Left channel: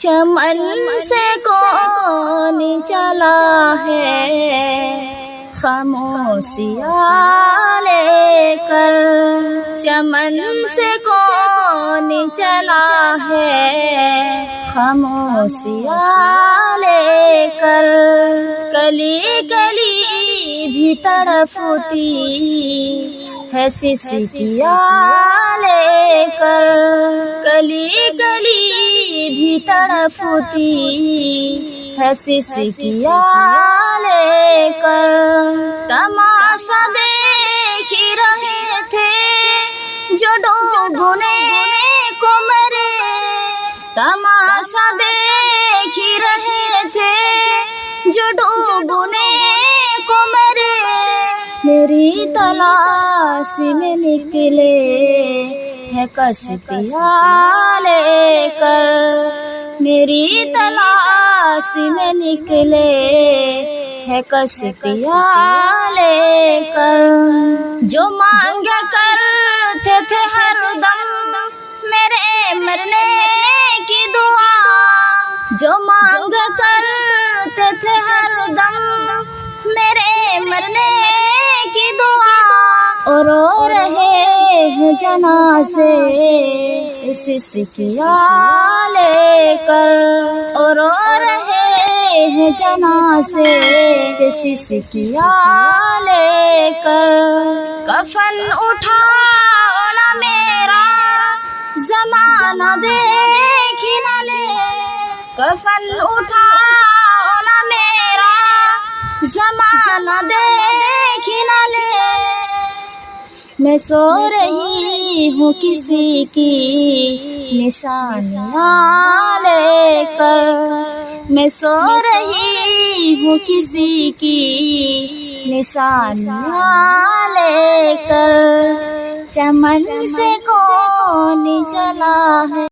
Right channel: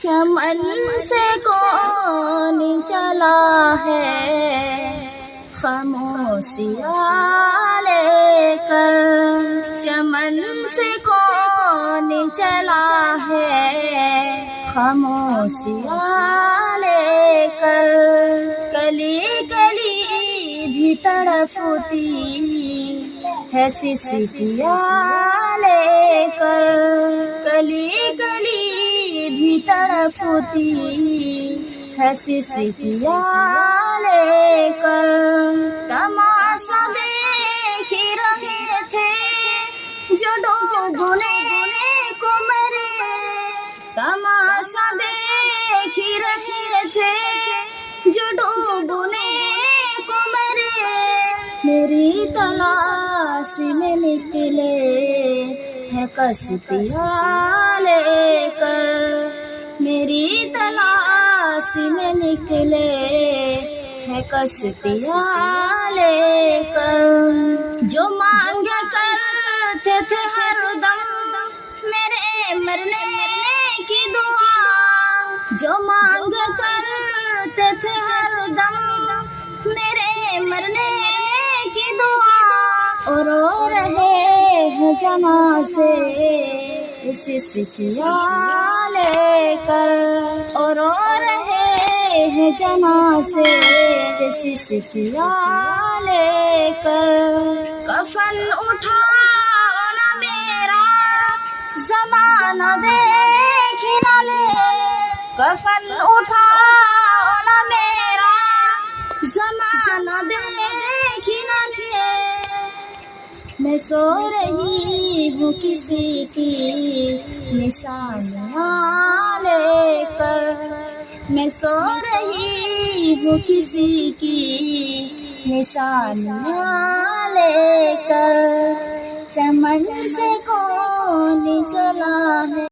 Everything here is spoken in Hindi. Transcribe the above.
चमन से कौन चला है खामोशियाँ लेकर। चमन से कौन चला है खामोशियाँ लेकर। कली कली भी तड़पती है सिसकियाँ लेकर। कली कली भी तड़पती है सिसकियाँ लेकर। तमाशा देख रहे थे जो डूबने को मरे। तमाशा देख रहे थे जो डूबने को मरे। मेरी तलाश में निकले है कश्तियाँ लेकर। मेरी तलाश में निकले है कश्तियाँ लेकर। जो मांगा करते थे हरदम मेरे मरने की दुआ। जो मांगा करते थे हरदम मेरे मरने की दुआ। और रो रहे हैं जनाज़े सिसकियाँ लेकर। और रो रहे हैं जनाज़े सिसकियाँ लेकर। कफन उठाओ ना मेरा ज़माना देख न ले। कफन उठाओ ना मेरा ज़माना देख न ले। मैं सो रही हूँ किसी की निशानियाँ लेकर। मैं सो रही हूँ किसी की निशानियाँ लेकर। चमन से कौन चला है